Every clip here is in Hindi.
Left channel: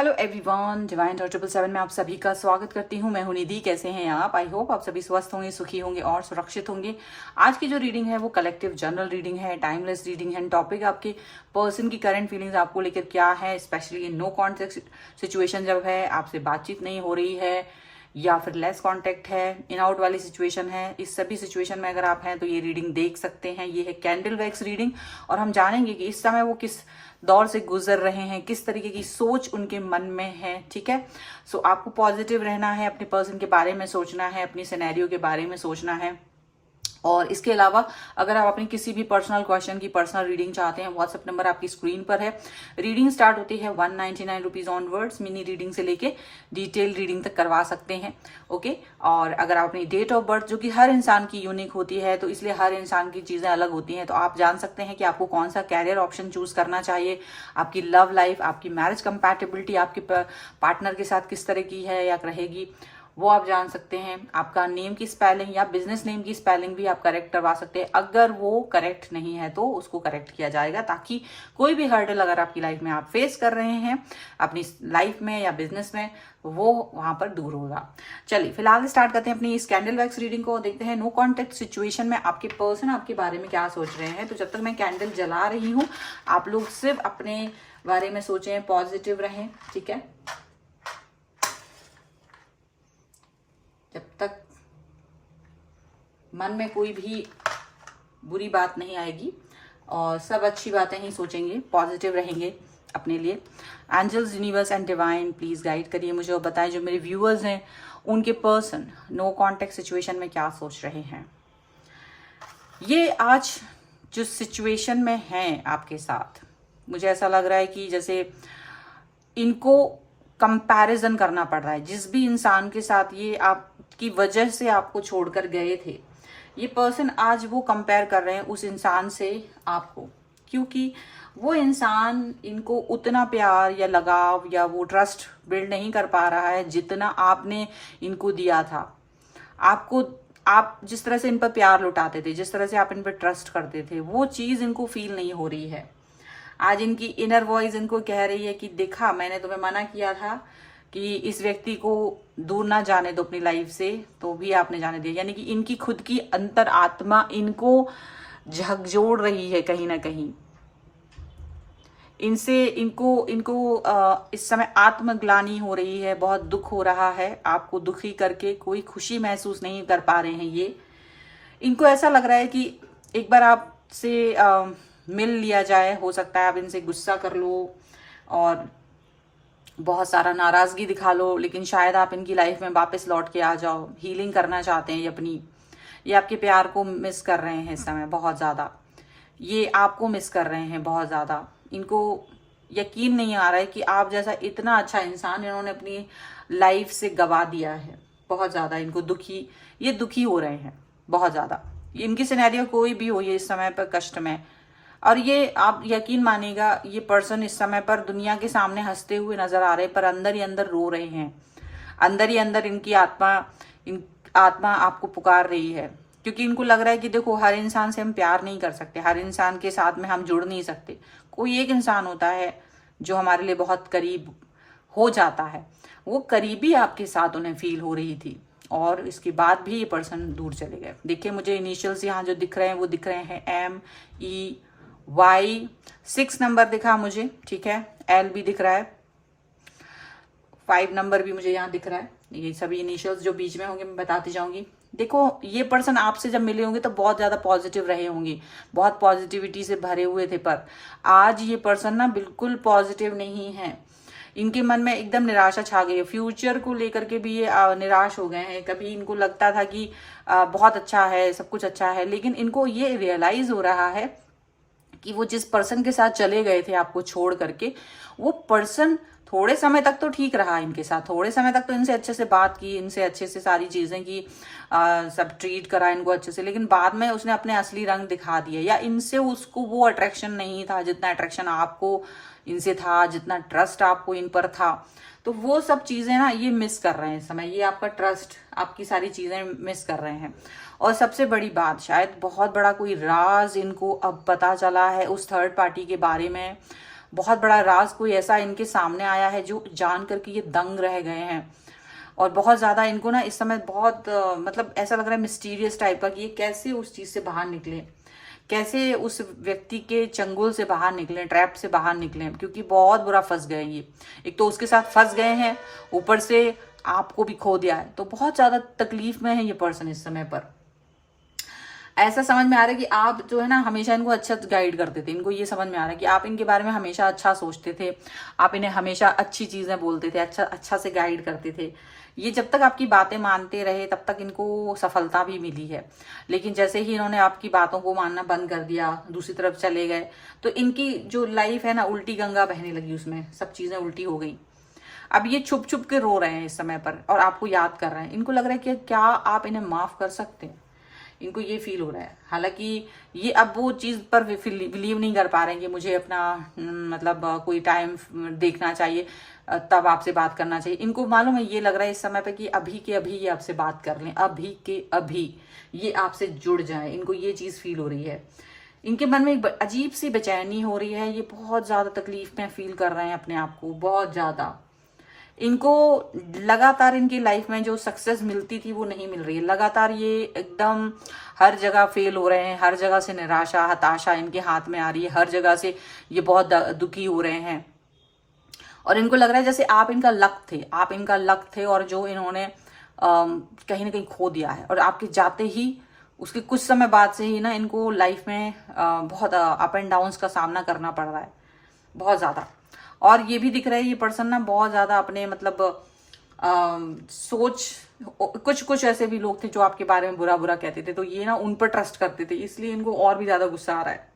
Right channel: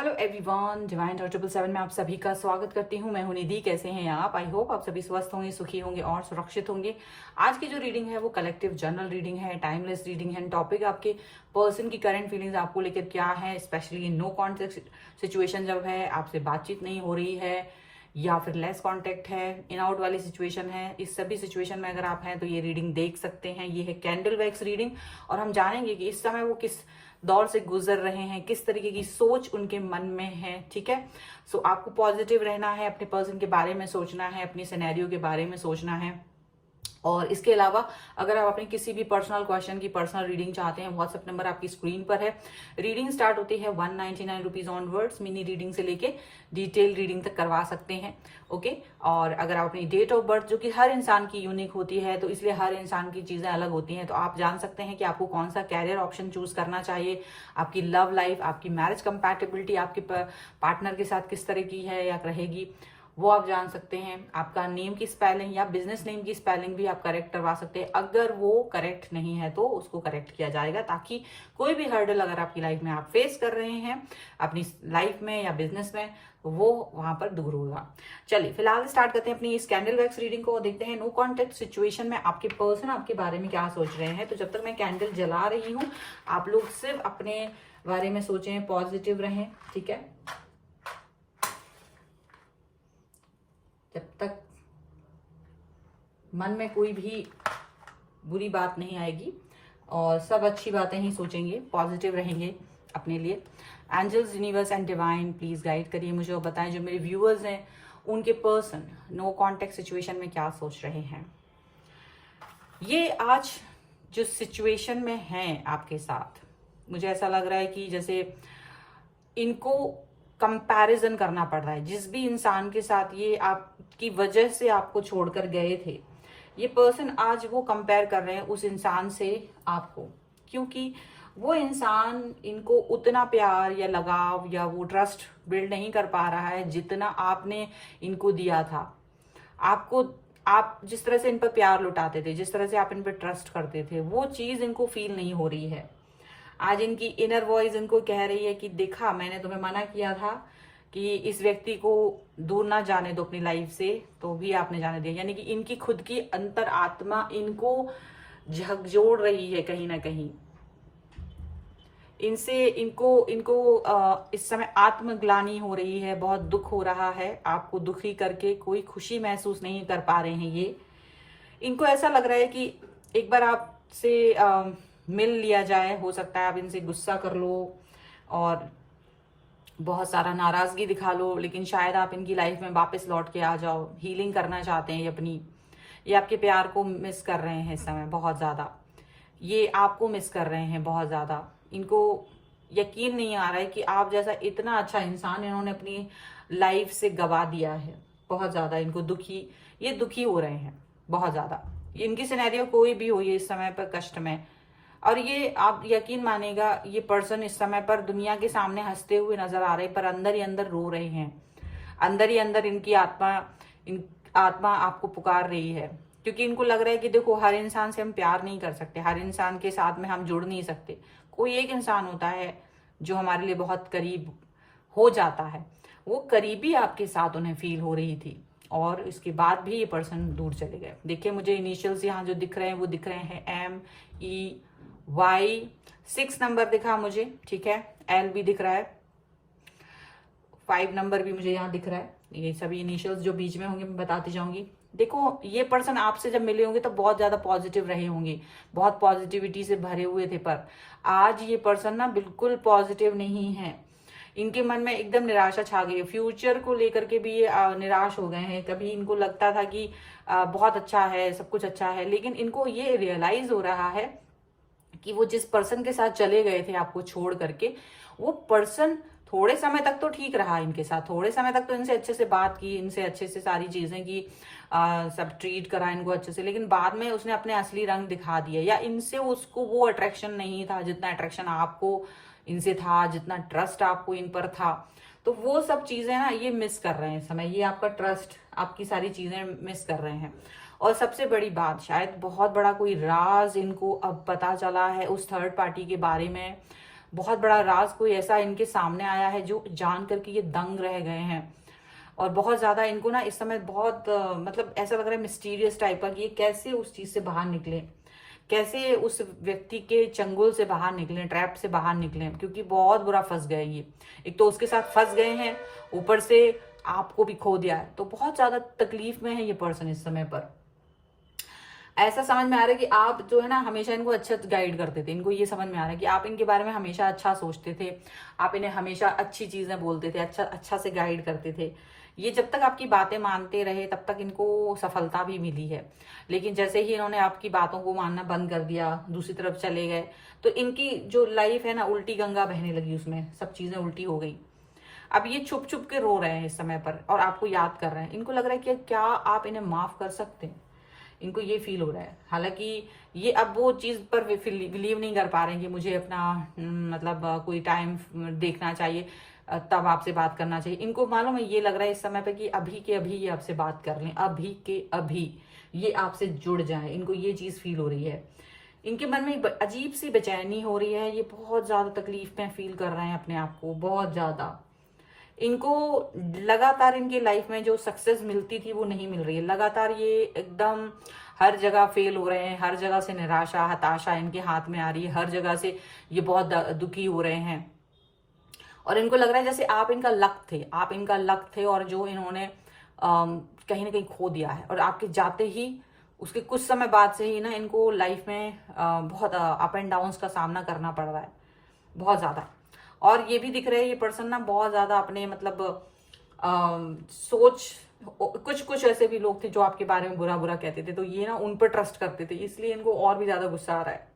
हेलो एवरीवन, डिवाइन 777 में आप सभी का स्वागत करती हूँ। मैं हूँ निधि। कैसे हैं आप? आई होप आप सभी स्वस्थ होंगे, सुखी होंगे और सुरक्षित होंगे। आज की जो रीडिंग है वो कलेक्टिव जनरल रीडिंग है, टाइमलेस रीडिंग है। टॉपिक आपके पर्सन की करंट फीलिंग्स आपको लेकर क्या है, स्पेशली नो कॉन्टेक्ट सिचुएशन जब है, आपसे बातचीत नहीं हो रही है या फिर लेस कांटेक्ट है, इन आउट वाली सिचुएशन है। इस सभी सिचुएशन में अगर आप हैं तो ये रीडिंग देख सकते हैं। ये है कैंडल वैक्स रीडिंग और हम जानेंगे कि इस समय वो किस दौर से गुजर रहे हैं, किस तरीके की सोच उनके मन में है। ठीक है, सो आपको पॉजिटिव रहना है, अपने पर्सन के बारे में सोचना है, अपनी सिनेरियो के बारे में सोचना है। और इसके अलावा अगर आप अपने किसी भी पर्सनल क्वेश्चन की पर्सनल रीडिंग चाहते हैं, व्हाट्सएप नंबर आपकी स्क्रीन पर है। रीडिंग स्टार्ट होती है 199 रुपीज ऑनवर्ड्स। मिनी रीडिंग से लेके डिटेल रीडिंग तक करवा सकते हैं। ओके, और अगर आप अपनी डेट ऑफ बर्थ, जो कि हर इंसान की यूनिक होती है, तो इसलिए हर इंसान की चीजें अलग होती हैं, तो आप जान सकते हैं कि आपको कौन सा कैरियर ऑप्शन चूज करना चाहिए। आपकी लव लाइफ, आपकी मैरिज कंपैटिबिलिटी आपके पार्टनर के साथ किस तरह की है या रहेगी, वो आप जान सकते हैं। आपका नेम की स्पेलिंग या बिजनेस नेम की स्पेलिंग भी आप करेक्ट करवा सकते हैं। अगर वो करेक्ट नहीं है तो उसको करेक्ट किया जाएगा, ताकि कोई भी हर्डल अगर आपकी लाइफ में आप फेस कर रहे हैं अपनी लाइफ में या बिजनेस में, वो वहां पर दूर होगा। चलिए फिलहाल स्टार्ट करते हैं अपनी इस कैंडल वैक्स रीडिंग को। देखते हैं नो कॉन्टेक्ट सिचुएशन में आपके पर्सन आपके बारे में क्या सोच रहे हैं। तो जब तक मैं कैंडल जला रही हूँ, आप लोग सिर्फ अपने बारे में सोचें, पॉजिटिव रहें। ठीक है, जब तक मन में कोई भी बुरी बात नहीं आएगी और सब अच्छी बातें ही सोचेंगे, पॉजिटिव रहेंगे अपने लिए। Angels, universe and divine please guide करिए मुझे और बताएं जो मेरे व्यूअर्स हैं उनके पर्सन नो कांटेक्ट सिचुएशन में क्या सोच रहे हैं। ये आज जो सिचुएशन में हैं आपके साथ, मुझे ऐसा लग रहा है कि जैसे इनको कंपैरिजन करना पड़ रहा है। जिस भी इंसान के साथ ये आपकी वजह से आपको छोड़कर गए थे, ये पर्सन आज वो कंपेयर कर रहे हैं उस इंसान से आपको, क्योंकि वो इंसान इनको उतना प्यार या लगाव या वो ट्रस्ट बिल्ड नहीं कर पा रहा है जितना आपने इनको दिया था। आपको, आप जिस तरह से इन पर प्यार लुटाते थे, जिस तरह से आप इन पर ट्रस्ट करते थे, वो चीज इनको फील नहीं हो रही है। आज इनकी इनर वॉइस इनको कह रही है कि देखा, मैंने तुम्हें मना किया था कि इस व्यक्ति को दूर ना जाने दो अपनी लाइफ से, तो भी आपने जाने दिया। यानी कि इनकी खुद की अंतर आत्मा इनको झकझोर रही है कहीं ना कहीं। इनसे इनको इनको इस समय आत्मग्लानि हो रही है, बहुत दुख हो रहा है। आपको दुखी करके कोई खुशी महसूस नहीं कर पा रहे हैं ये। इनको ऐसा लग रहा है कि एक बार आपसे मिल लिया जाए। हो सकता है आप इनसे गुस्सा कर लो और बहुत सारा नाराजगी दिखा लो, लेकिन शायद आप इनकी लाइफ में वापस लौट के आ जाओ। हीलिंग करना चाहते हैं अपनी, ये आपके प्यार को मिस कर रहे हैं इस समय बहुत ज्यादा। ये आपको मिस कर रहे हैं बहुत ज्यादा। इनको यकीन नहीं आ रहा है कि आप जैसा इतना अच्छा इंसान इन्होंने अपनी लाइफ से गवा दिया है। बहुत ज्यादा इनको ये दुखी हो रहे हैं बहुत ज्यादा। इनकी सिनेरियो कोई भी हो, ये इस समय पर कष्ट में, और ये आप यकीन मानेगा, ये पर्सन इस समय पर दुनिया के सामने हंसते हुए नजर आ रहे हैं, पर अंदर ही अंदर रो रहे हैं। अंदर ही अंदर इनकी आत्मा आपको पुकार रही है, क्योंकि इनको लग रहा है कि देखो, हर इंसान से हम प्यार नहीं कर सकते, हर इंसान के साथ में हम जुड़ नहीं सकते। कोई एक इंसान होता है जो हमारे लिए बहुत करीब हो जाता है। वो करीबी आपके साथ उन्हें फील हो रही थी, और इसके बाद भी ये पर्सन दूर चले गए। देखिए, मुझे इनिशियल्स यहाँ जो दिख रहे हैं वो दिख रहे हैं MEY। 6 नंबर दिखा मुझे, ठीक है। L भी दिख रहा है, 5 नंबर भी मुझे यहाँ दिख रहा है। ये सभी इनिशियल्स जो बीच में होंगे मैं बताती जाऊंगी। देखो, ये पर्सन आपसे जब मिले होंगे तो बहुत ज्यादा पॉजिटिव रहे होंगे, बहुत पॉजिटिविटी से भरे हुए थे, पर आज ये पर्सन ना बिल्कुल पॉजिटिव नहीं है। इनके मन में एकदम निराशा छा गई है। फ्यूचर को लेकर के भी ये निराश हो गए हैं। कभी इनको लगता था कि बहुत अच्छा है, सब कुछ अच्छा है, लेकिन इनको ये रियलाइज हो रहा है कि वो जिस पर्सन के साथ चले गए थे आपको छोड़ करके, वो पर्सन थोड़े समय तक तो ठीक रहा इनके साथ, थोड़े समय तक तो इनसे अच्छे से बात की, इनसे अच्छे से सारी चीजें की, सब ट्रीट करा इनको अच्छे से, लेकिन बाद में उसने अपने असली रंग दिखा दिए, या इनसे उसको वो अट्रैक्शन नहीं था जितना अट्रैक्शन आपको इनसे था, जितना ट्रस्ट आपको इन पर था। तो वो सब चीजें ना ये मिस कर रहे हैं इस समय। ये आपका ट्रस्ट, आपकी सारी चीजें मिस कर रहे हैं। और सबसे बड़ी बात, शायद बहुत बड़ा कोई राज इनको अब पता चला है उस थर्ड पार्टी के बारे में, बहुत बड़ा राज कोई ऐसा इनके सामने आया है जो जान करके ये दंग रह गए हैं। और बहुत ज्यादा इनको ना इस समय बहुत मतलब ऐसा लग रहा है मिस्टीरियस टाइप का कि ये कैसे उस चीज से बाहर निकले, कैसे उस व्यक्ति के चंगुल से बाहर निकले, ट्रैप से बाहर निकले, क्योंकि बहुत बुरा फंस गए ये। एक तो उसके साथ फंस गए हैं, ऊपर से आपको भी खो दिया है, तो बहुत ज्यादा तकलीफ में है ये पर्सन इस समय पर। ऐसा समझ में आ रहा है कि आप जो है ना हमेशा इनको अच्छा गाइड करते थे। इनको ये समझ में आ रहा है कि आप इनके बारे में हमेशा अच्छा सोचते थे, आप इन्हें हमेशा अच्छी चीजें बोलते थे, अच्छा से गाइड करते थे। ये जब तक आपकी बातें मानते रहे तब तक इनको सफलता भी मिली है। लेकिन जैसे ही इन्होंने आपकी बातों को मानना बंद कर दिया, दूसरी तरफ चले गए, तो इनकी जो लाइफ है ना उल्टी गंगा बहने लगी, उसमें सब चीजें उल्टी हो गई। अब ये छुप छुप के रो रहे हैं इस समय पर और आपको याद कर रहे हैं। इनको लग रहा है कि क्या आप इन्हें माफ कर सकते हैं, इनको ये फील हो रहा है। हालांकि ये अब वो चीज पर बिलीव नहीं कर पा रहे हैं कि मुझे अपना मतलब कोई टाइम देखना चाहिए, तब आपसे बात करना चाहिए। इनको मालूम है, ये लग रहा है इस समय पे कि अभी के अभी ये आपसे बात कर लें, अभी के अभी ये आपसे जुड़ जाए। इनको ये चीज फील हो रही है। इनके मन में एक अजीब सी बेचैनी हो रही है। ये बहुत ज्यादा तकलीफ में फील कर रहे हैं अपने आप को, बहुत ज्यादा। इनको लगातार इनकी लाइफ में जो सक्सेस मिलती थी वो नहीं मिल रही है। लगातार ये एकदम हर जगह फेल हो रहे हैं, हर जगह से निराशा हताशा इनके हाथ में आ रही है, हर जगह से ये बहुत दुखी हो रहे हैं। और इनको लग रहा है जैसे आप इनका लक थे, आप इनका लक थे और जो इन्होंने कहीं ना कहीं खो दिया है। और आपके जाते ही उसके कुछ समय बाद से ही ना इनको लाइफ में बहुत अप एंड डाउन्स का सामना करना पड़ रहा है, बहुत ज्यादा। और ये भी दिख रहा है ये पर्सन ना बहुत ज्यादा अपने मतलब सोच, कुछ कुछ ऐसे भी लोग थे जो आपके बारे में बुरा बुरा कहते थे, तो ये ना उन पर ट्रस्ट करते थे, इसलिए इनको और भी ज्यादा गुस्सा आ रहा है,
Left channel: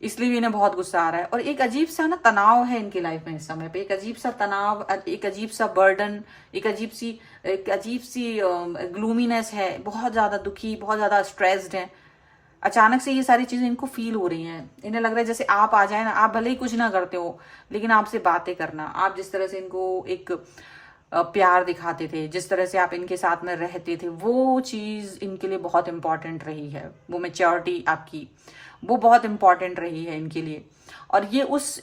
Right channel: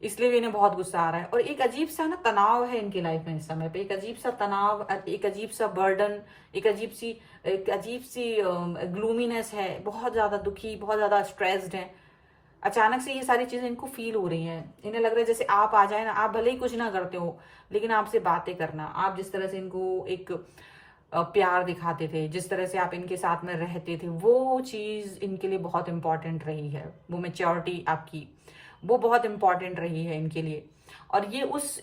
इसलिए भी इन्हें बहुत गुस्सा आ रहा है। और एक अजीब सा ना तनाव है इनकी लाइफ में इस समय पे, एक अजीब सा तनाव, एक अजीब सा बर्डन, एक अजीब सी ग्लूमीनेस है, बहुत ज्यादा दुखी, बहुत ज्यादा स्ट्रेस्ड है। अचानक से ये सारी चीजें इनको फील हो रही हैं। इन्हें लग रहा है जैसे आप आ जाए ना, आप भले ही कुछ ना करते हो लेकिन आपसे बातें करना, आप जिस तरह से इनको एक प्यार दिखाते थे, जिस तरह से आप इनके साथ में रहते थे, वो चीज इनके लिए बहुत इंपॉर्टेंट रही है। वो मैच्योरिटी आपकी, वो बहुत इंपॉर्टेंट रही है इनके लिए। और ये उस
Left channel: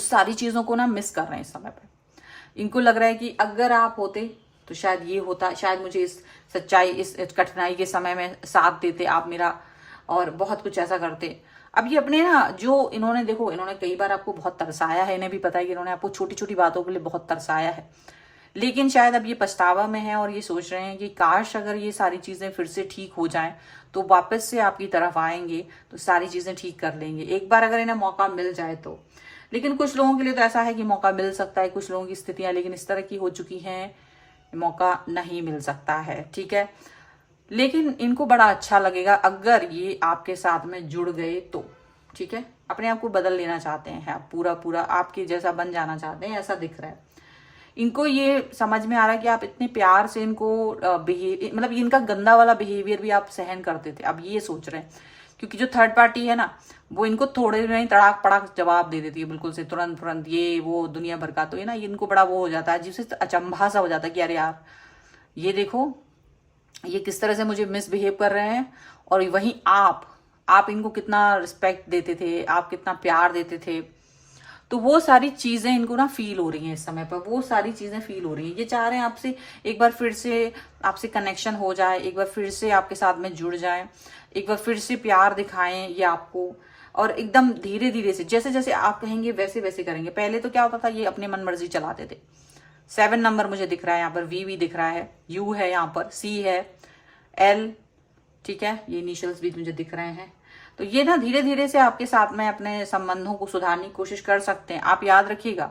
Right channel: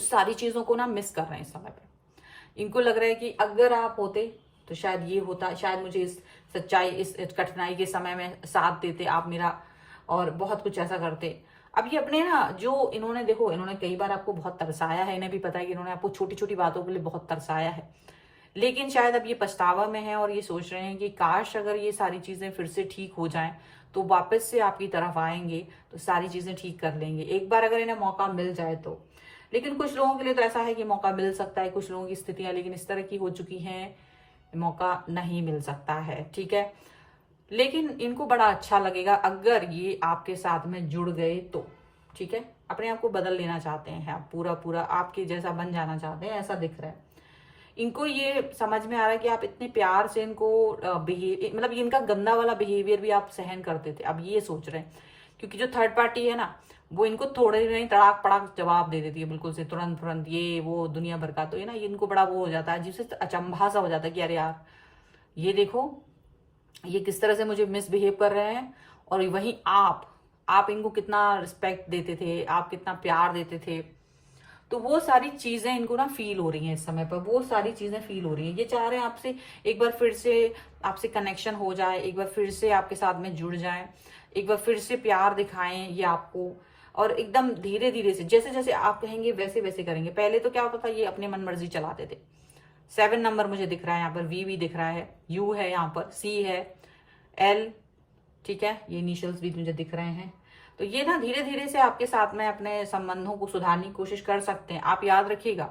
सारी चीजों को ना मिस कर रहे हैं इस समय पे। इनको लग रहा है कि अगर आप होते तो शायद ये होता, शायद मुझे इस सच्चाई, इस कठिनाई के समय में साथ देते आप मेरा, और बहुत कुछ ऐसा करते। अब ये अपने ना जो इन्होंने, देखो इन्होंने कई बार आपको बहुत तरसाया है, इन्हें भी पता है कि इन्होंने आपको छोटी छोटी बातों के लिए बहुत तरसाया है, लेकिन शायद अब ये पछतावा में है और ये सोच रहे हैं कि काश अगर ये सारी चीजें फिर से ठीक हो जाएं तो वापस से आपकी तरफ आएंगे तो सारी चीजें ठीक कर लेंगे, एक बार अगर इन्हें मौका मिल जाए तो। लेकिन कुछ लोगों के लिए तो ऐसा है कि मौका मिल सकता है, कुछ लोगों की स्थितियां लेकिन इस तरह की हो चुकी हैं, मौका नहीं मिल सकता है, ठीक है। लेकिन इनको बड़ा अच्छा लगेगा अगर ये आपके साथ में जुड़ गए तो, ठीक है। अपने आप को बदल लेना चाहते हैं आप, पूरा पूरा आपके जैसा बन जाना चाहते हैं, ऐसा दिख रहा है। इनको ये समझ में आ रहा है कि आप इतने प्यार से इनको मतलब इनका गंदा वाला बिहेवियर भी आप सहन करते थे, अब ये सोच रहे हैं। क्योंकि जो थर्ड पार्टी है ना वो इनको थोड़े नहीं तड़ाक पड़ाक जवाब दे देती है, बिल्कुल से तुरंत तुरंत, ये वो दुनिया भर का। तो ये ना इनको बड़ा वो हो जाता है, जिससे अचंभा सा हो जाता है कि अरे यार ये देखो ये किस तरह से मुझे मिसबिहेव कर रहे हैं। और वहीं आप इनको कितना रिस्पेक्ट देते थे, आप कितना प्यार देते थे। तो वो सारी चीजें इनको ना फील हो रही हैं इस समय पर, वो सारी चीजें फील हो रही हैं। ये चाह रहे हैं आपसे एक बार फिर से आपसे कनेक्शन हो जाए, एक बार फिर से आपके साथ में जुड़ जाए, एक बार फिर से प्यार दिखाएं ये आपको। और एकदम धीरे धीरे से, जैसे जैसे आप कहेंगे वैसे वैसे करेंगे। पहले तो क्या होता था, ये अपने मन मर्जी चलाते थे। 7 नंबर मुझे दिख रहा है यहाँ पर, वी भी दिख रहा है, यू है यहाँ पर, सी है, एल, ठीक है, ये इनिशियल्स भी मुझे दिख रहे हैं। तो ये ना धीरे धीरे से आपके साथ में अपने संबंधों को सुधारने की कोशिश कर सकते हैं। आप याद रखिएगा,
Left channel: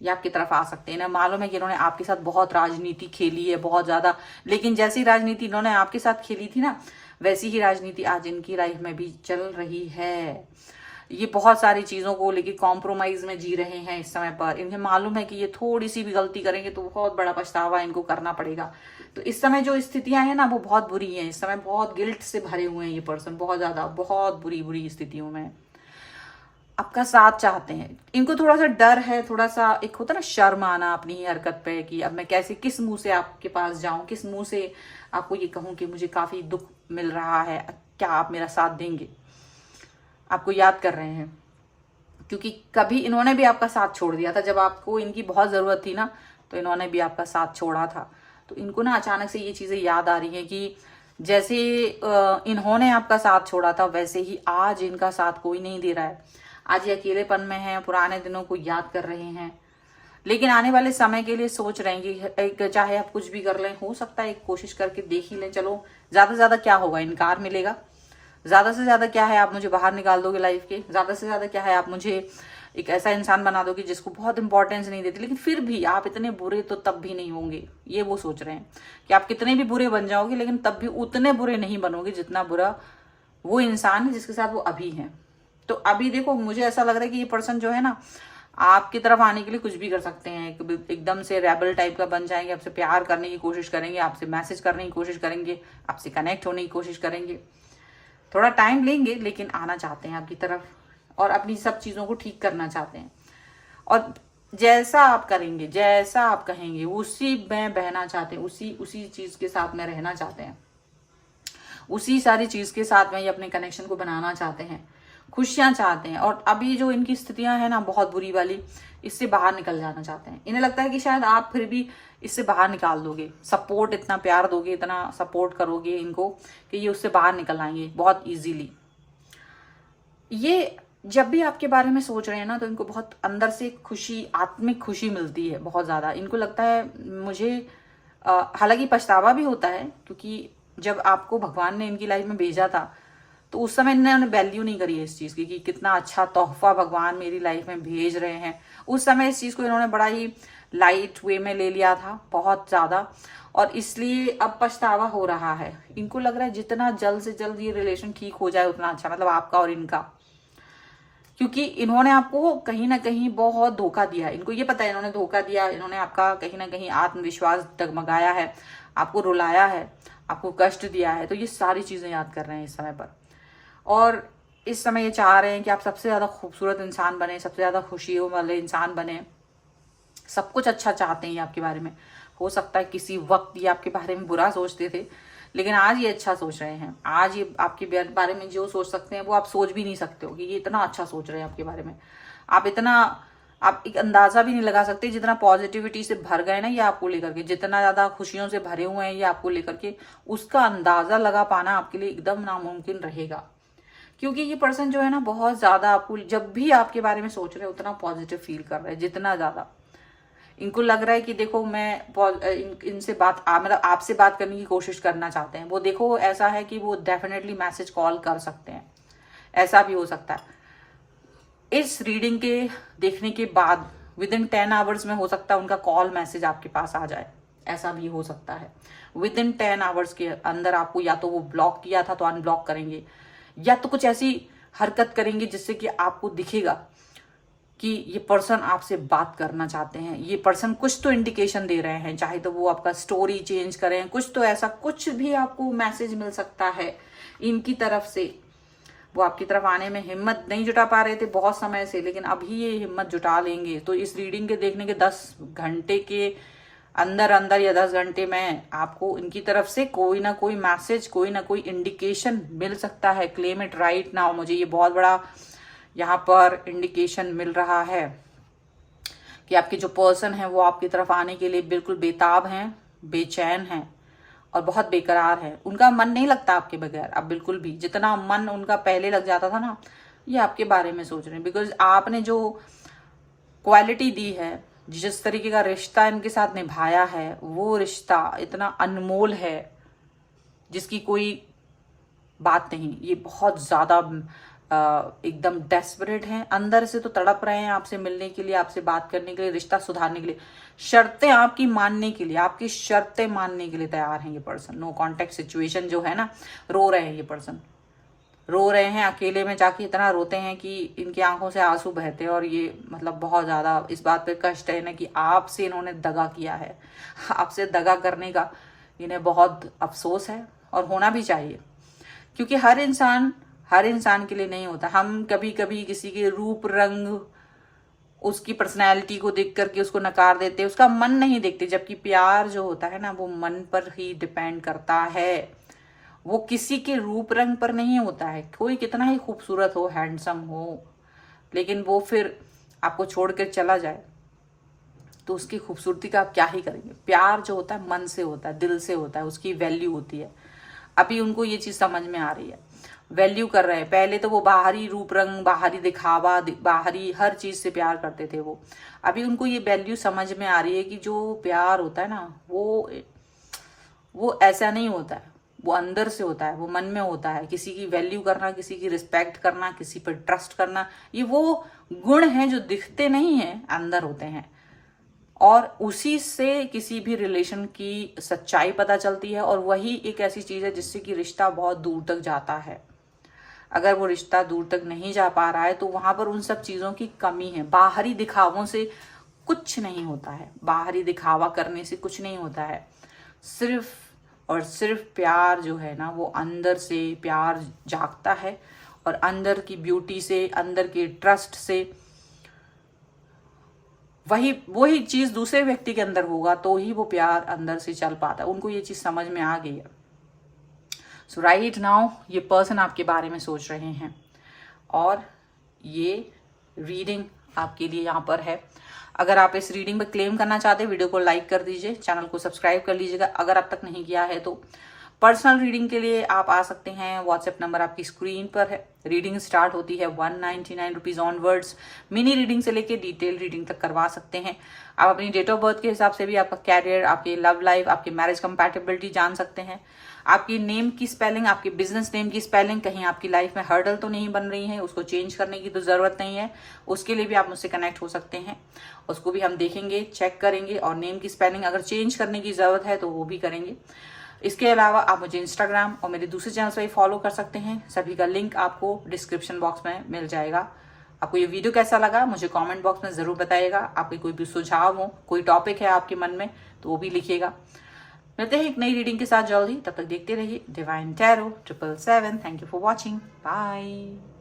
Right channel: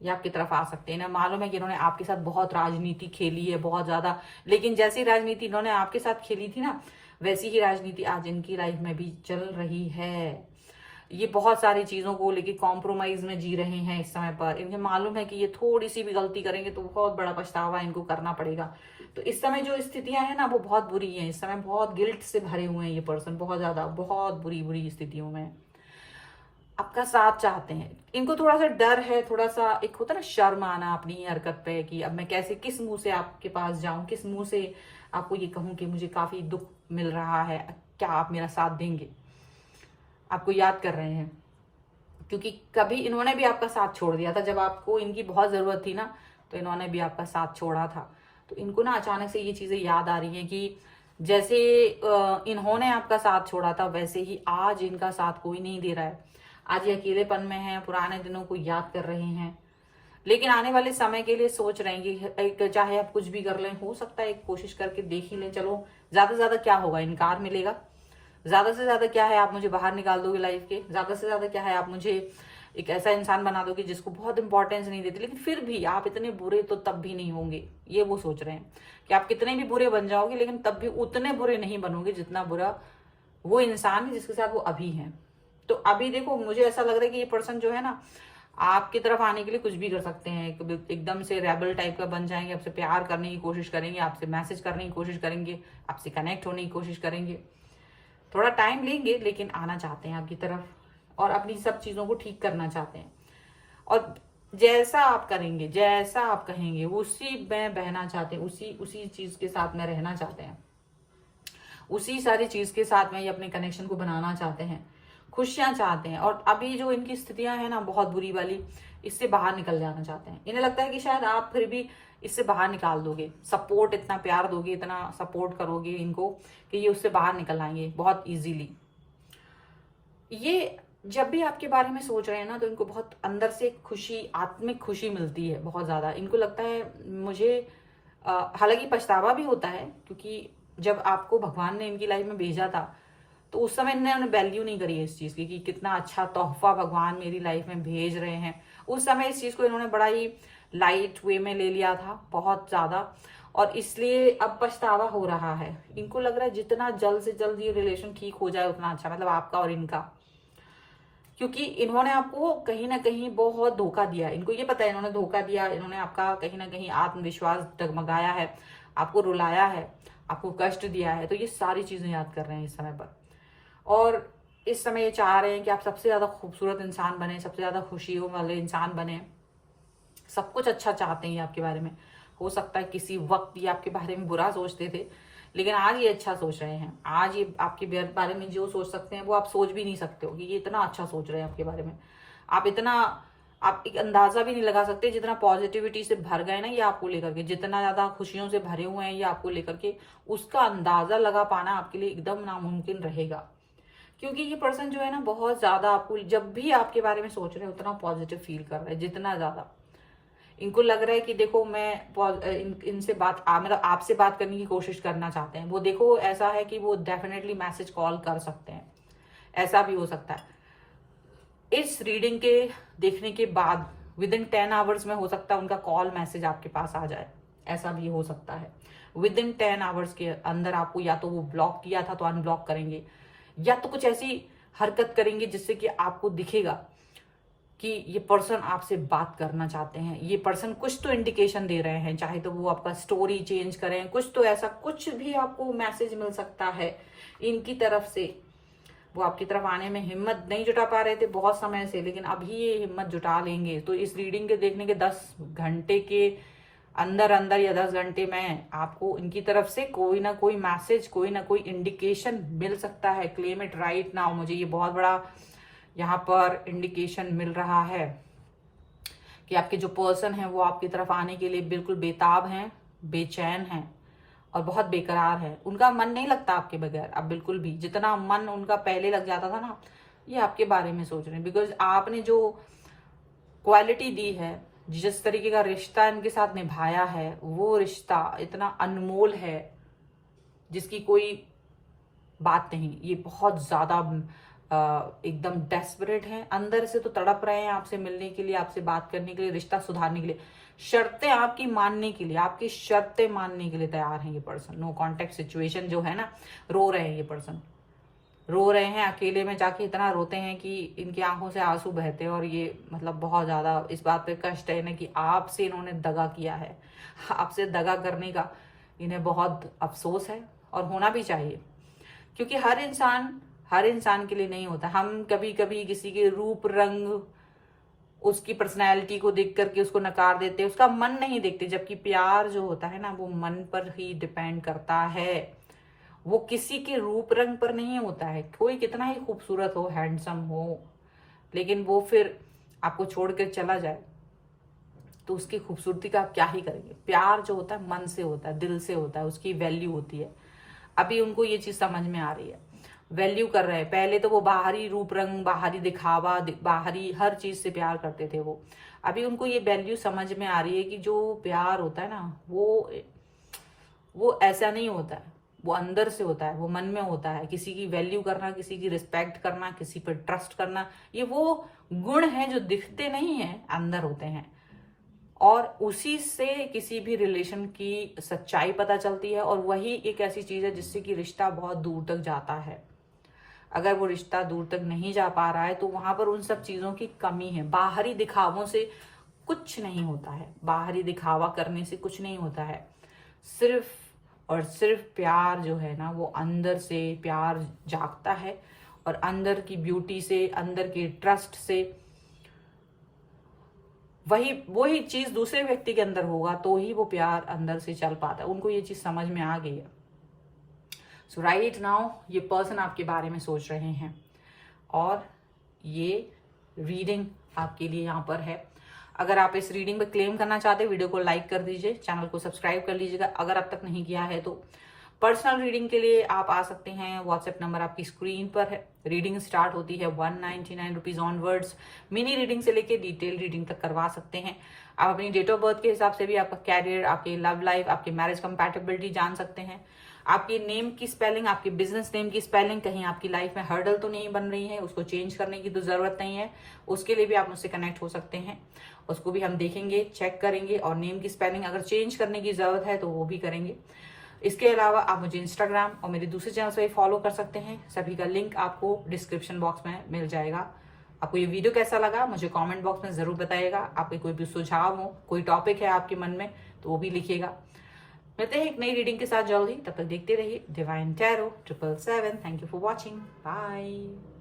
ये आपकी तरफ आ सकते हैं ना। मालूम है कि इन्होंने आपके साथ बहुत राजनीति खेली है, बहुत ज्यादा, लेकिन जैसी राजनीति इन्होंने आपके साथ खेली थी ना, वैसी ही राजनीति आज इनकी लाइफ में भी चल रही है। ये बहुत सारी चीजों को लेके कॉम्प्रोमाइज में जी रहे हैं इस समय पर। इन्हें मालूम है कि ये थोड़ी सी भी गलती करेंगे तो बहुत बड़ा पछतावा इनको करना पड़ेगा। तो इस समय जो स्थितियां हैं ना वो बहुत बुरी हैं, इस समय बहुत गिल्ट से भरे हुए हैं ये पर्सन, बहुत ज्यादा, बहुत बुरी बुरी स्थितियों में आपका साथ चाहते हैं। इनको थोड़ा सा डर है, थोड़ा सा एक होता है ना शर्म आना अपनी ही हरकत पे, कि अब मैं कैसे, किस मुंह से आपके पास जाऊं, किस मुंह से आपको ये कहूं कि मुझे काफी दुख मिल रहा है, क्या आप मेरा साथ देंगे। आपको याद कर रहे हैं, क्योंकि कभी इन्होंने भी आपका साथ छोड़ दिया था, जब आपको इनकी बहुत जरूरत थी ना, तो इन्होंने भी आपका साथ छोड़ा था। तो इनको ना अचानक से ये चीजें याद आ रही हैं कि जैसे इन्होंने आपका साथ छोड़ा था, वैसे ही आज इनका साथ कोई नहीं दे रहा है। आज ये अकेलेपन में है, पुराने दिनों को याद कर रहे हैं, लेकिन आने वाले समय के लिए सोच रहे हैं कि चाहे आप कुछ भी कर लें, हो सकता है एक कोशिश करके देख ही लें। चलो, ज्यादा से ज्यादा क्या होगा, इनकार मिलेगा। ज्यादा से ज्यादा क्या है, आप मुझे बाहर निकाल दोगे लाइफ के। ज्यादा से ज्यादा क्या है, आप मुझे एक ऐसा इंसान बना दोगे जिसको बहुत इंपॉर्टेंस नहीं देती। लेकिन फिर भी आप इतने बुरे तो तब भी नहीं होंगे, ये वो सोच रहे हैं कि आप कितने भी बुरे बन जाओगे, लेकिन तब भी उतने बुरे नहीं बनोगे जितना बुरा वो इंसान है जिसके साथ वो अभी है। तो अभी देखो, मुझे ऐसा लग रहा है कि ये पर्सन जो है ना, आपकी तरफ आने के लिए कुछ भी कर सकते हैं। एकदम से रेबल टाइप का बन जाएंगे, आपसे प्यार करने की कोशिश करेंगे, आपसे मैसेज करने की कोशिश करेंगे, आपसे कनेक्ट होने की कोशिश करेंगे। थोड़ा टाइम लेंगे, लेकिन आना चाहते हैं आपकी तरफ और अपनी सब चीजों को ठीक करना चाहते हैं। और जैसा आप करेंगे, जैसा आप कहेंगे, उसी में बहना चाहते हैं, उसी चीज के साथ में रहना चाहते हैं, उसी सारी चीज के साथ में ये अपने कनेक्शन को बनाना चाहते हैं, खुशियां चाहते हैं। और अभी जो इनकी स्थितियां हैं ना बहुत बुरी वाली, इससे बाहर निकल जाना चाहते हैं। इन्हें लगता है कि शायद आप फिर भी इससे बाहर निकाल दोगे, सपोर्ट, इतना प्यार दोगे, इतना सपोर्ट करोगे इनको कि ये उससे बाहर निकल आएंगे बहुत इजीली। ये जब भी आपके बारे में सोच रहे हैं ना, तो इनको बहुत अंदर से खुशी, आत्मिक खुशी मिलती है बहुत ज्यादा। इनको लगता है मुझे, हालांकि पछतावा भी होता है, क्योंकि जब आपको भगवान ने इनकी लाइफ में भेजा था तो उस समय इन्होंने वैल्यू नहीं करी इस चीज की कि कितना अच्छा तोहफा भगवान मेरी लाइफ में भेज रहे हैं। उस समय इस चीज को इन्होंने बड़ा ही लाइट वे में ले लिया था, बहुत ज्यादा। और इसलिए अब पछतावा हो रहा है। इनको लग रहा है जितना जल्द से जल्द ये रिलेशन ठीक हो जाए उतना अच्छा, मतलब आपका और इनका। क्योंकि इन्होंने आपको कहीं ना कहीं बहुत धोखा दिया। इनको ये पता है इन्होंने धोखा दिया, इन्होंने आपका कहीं ना कहीं आत्मविश्वास डगमगाया है, आपको रुलाया है, आपको कष्ट दिया है। तो ये सारी चीजें याद कर रहे हैं इस समय पर। और इस समय ये चाह रहे हैं कि आप सबसे ज्यादा खूबसूरत इंसान बने, सबसे ज्यादा खुशियों वाले इंसान बने। सब कुछ अच्छा चाहते हैं आपके बारे में। हो सकता है किसी वक्त ये आपके बारे में बुरा सोचते थे, लेकिन आज ये अच्छा सोच रहे हैं। आज ये आपके बारे में जो सोच सकते हैं वो आप सोच भी नहीं सकते हो कि ये इतना अच्छा सोच रहे हैं आपके बारे में। आप एक अंदाजा भी नहीं लगा सकते जितना पॉजिटिविटी से भर गए ना ये आपको लेकर के, जितना ज्यादा खुशियों से भरे हुए हैं ये आपको लेकर के, उसका अंदाजा लगा पाना आपके लिए एकदम नामुमकिन रहेगा। क्योंकि ये पर्सन जो है ना बहुत ज्यादा आपको, जब भी आपके बारे में सोच रहे हैं उतना पॉजिटिव फील कर रहे हैं, जितना ज्यादा इनको लग रहा है कि देखो मैं इनसे मतलब आपसे बात करने की कोशिश करना चाहते हैं। वो देखो ऐसा है कि वो डेफिनेटली मैसेज कॉल कर सकते हैं, ऐसा भी हो सकता है। इस रीडिंग के देखने के बाद विद इन 10 आवर्स में हो सकता है उनका कॉल मैसेज आपके पास आ जाए, ऐसा भी हो सकता है। विद इन 10 आवर्स के अंदर आपको या तो वो ब्लॉक किया था तो अनब्लॉक करेंगे, या तो कुछ ऐसी हरकत करेंगे जिससे कि आपको दिखेगा कि ये पर्सन आपसे बात करना चाहते हैं। ये पर्सन कुछ तो इंडिकेशन दे रहे हैं, चाहे तो वो आपका स्टोरी चेंज करें, कुछ तो ऐसा कुछ भी आपको मैसेज मिल सकता है इनकी तरफ से। वो आपकी तरफ आने में हिम्मत नहीं जुटा पा रहे थे बहुत समय से, लेकिन अभी ये हिम्मत जुटा लेंगे। तो इस रीडिंग के देखने के 10 घंटे के अंदर अंदर या 10 घंटे में आपको इनकी तरफ से कोई ना कोई मैसेज, कोई ना कोई इंडिकेशन मिल सकता है। Claim it right now. मुझे ये बहुत बड़ा यहाँ पर इंडिकेशन मिल रहा है कि आपके जो पर्सन है वो आपकी तरफ आने के लिए बिल्कुल बेताब हैं, बेचैन हैं और बहुत बेकरार है। उनका मन नहीं लगता आपके बगैर अब बिल्कुल भी। जितना मन उनका पहले लग जाता था ना, ये आपके बारे में सोच रहे हैं। बिकॉज आपने जो क्वालिटी दी है, जिस तरीके का रिश्ता इनके साथ निभाया है, वो रिश्ता इतना अनमोल है जिसकी कोई बात नहीं। ये बहुत ज्यादा एकदम डेस्परेट हैं, अंदर से तो तड़प रहे हैं आपसे मिलने के लिए, आपसे बात करने के लिए, रिश्ता सुधारने के लिए, शर्तें आपकी मानने के लिए, आपकी शर्तें मानने के लिए तैयार हैं ये पर्सन। नो कॉन्टेक्ट सिचुएशन जो है ना, रो रहे हैं ये पर्सन, रो रहे हैं अकेले में जाके, इतना रोते हैं कि इनकी आंखों से आंसू बहते हैं। और ये मतलब बहुत ज्यादा इस बात पे कष्ट है ना कि आपसे इन्होंने दगा किया है। आपसे दगा करने का इन्हें बहुत अफसोस है और होना भी चाहिए, क्योंकि हर इंसान के लिए नहीं होता। हम कभी कभी किसी के रूप रंग, उसकी पर्सनैलिटी को देख करके उसको नकार देते, उसका मन नहीं देखते। जबकि प्यार जो होता है ना, वो मन पर ही डिपेंड करता है, वो किसी के रूप रंग पर नहीं होता है। कोई कितना ही खूबसूरत हो, हैंडसम हो, लेकिन वो फिर आपको छोड़कर चला जाए तो उसकी खूबसूरती का आप क्या ही करेंगे। प्यार जो होता है मन से होता है, दिल से होता है, उसकी वैल्यू होती है। अभी उनको ये चीज समझ में आ रही है, वैल्यू कर रहे हैं। पहले तो वो बाहरी रूप रंग, बाहरी दिखावा, बाहरी हर चीज से प्यार करते थे वो। अभी उनको ये वैल्यू समझ में आ रही है कि जो प्यार होता है ना, वो ऐसा नहीं होता है, वो अंदर से होता है, वो मन में होता है। किसी की वैल्यू करना, किसी की रिस्पेक्ट करना, किसी पर ट्रस्ट करना, ये वो गुण हैं जो दिखते नहीं है, अंदर होते हैं। और उसी से किसी भी रिलेशन की सच्चाई पता चलती है। और वही एक ऐसी चीज है जिससे कि रिश्ता बहुत दूर तक जाता है। अगर वो रिश्ता दूर तक नहीं जा पा रहा है तो वहां पर उन सब चीजों की कमी है। बाहरी दिखावों से कुछ नहीं होता है, बाहरी दिखावा करने से कुछ नहीं होता है। सिर्फ और सिर्फ प्यार जो है ना, वो अंदर से प्यार जागता है और अंदर की ब्यूटी से, अंदर के ट्रस्ट से वही चीज दूसरे व्यक्ति के अंदर होगा तो ही वो प्यार अंदर से चल पाता है। उनको ये चीज समझ में आ गई है। सो राइट नाउ ये पर्सन आपके बारे में सोच रहे हैं और ये रीडिंग आपके लिए यहाँ पर है। अगर आप इस रीडिंग में क्लेम करना चाहते हैं, वीडियो को लाइक कर दीजिए, चैनल को सब्सक्राइब कर लीजिएगा अगर अब तक नहीं किया है तो। पर्सनल रीडिंग के लिए आप आ सकते हैं, व्हाट्सएप नंबर आपकी स्क्रीन पर है। रीडिंग स्टार्ट होती है 199 रुपीज ऑनवर्ड्स। मिनी रीडिंग से लेके डिटेल रीडिंग तक करवा सकते हैं। आप अपनी डेट ऑफ बर्थ के हिसाब से भी आपका कैरियर, आपकी लव लाइफ, आपकी मैरिज कंपैटिबिलिटी जान सकते हैं। आपकी नेम की स्पेलिंग, आपकी बिजनेस नेम की स्पेलिंग कहीं आपकी लाइफ में हर्डल तो नहीं बन रही है, उसको चेंज करने की तो जरूरत नहीं है, उसके लिए भी आप मुझसे कनेक्ट हो सकते हैं। उसको भी हम देखेंगे, चेक करेंगे और नेम की स्पेलिंग अगर चेंज करने की जरूरत है तो वो भी करेंगे। इसके अलावा आप मुझे इंस्टाग्राम और मेरे दूसरे चैनल से भी फॉलो कर सकते हैं। सभी का लिंक आपको डिस्क्रिप्शन बॉक्स में मिल जाएगा। आपको ये वीडियो कैसा लगा मुझे कमेंट बॉक्स में जरूर बताइएगा। आपके कोई भी सुझाव हो, कोई टॉपिक है आपके मन में तो वो भी लिखिएगा। मिलते हैं एक नई रीडिंग के साथ जल्दी, तब तक देखते रहिए divine tarot 777। Thank you for watching, bye.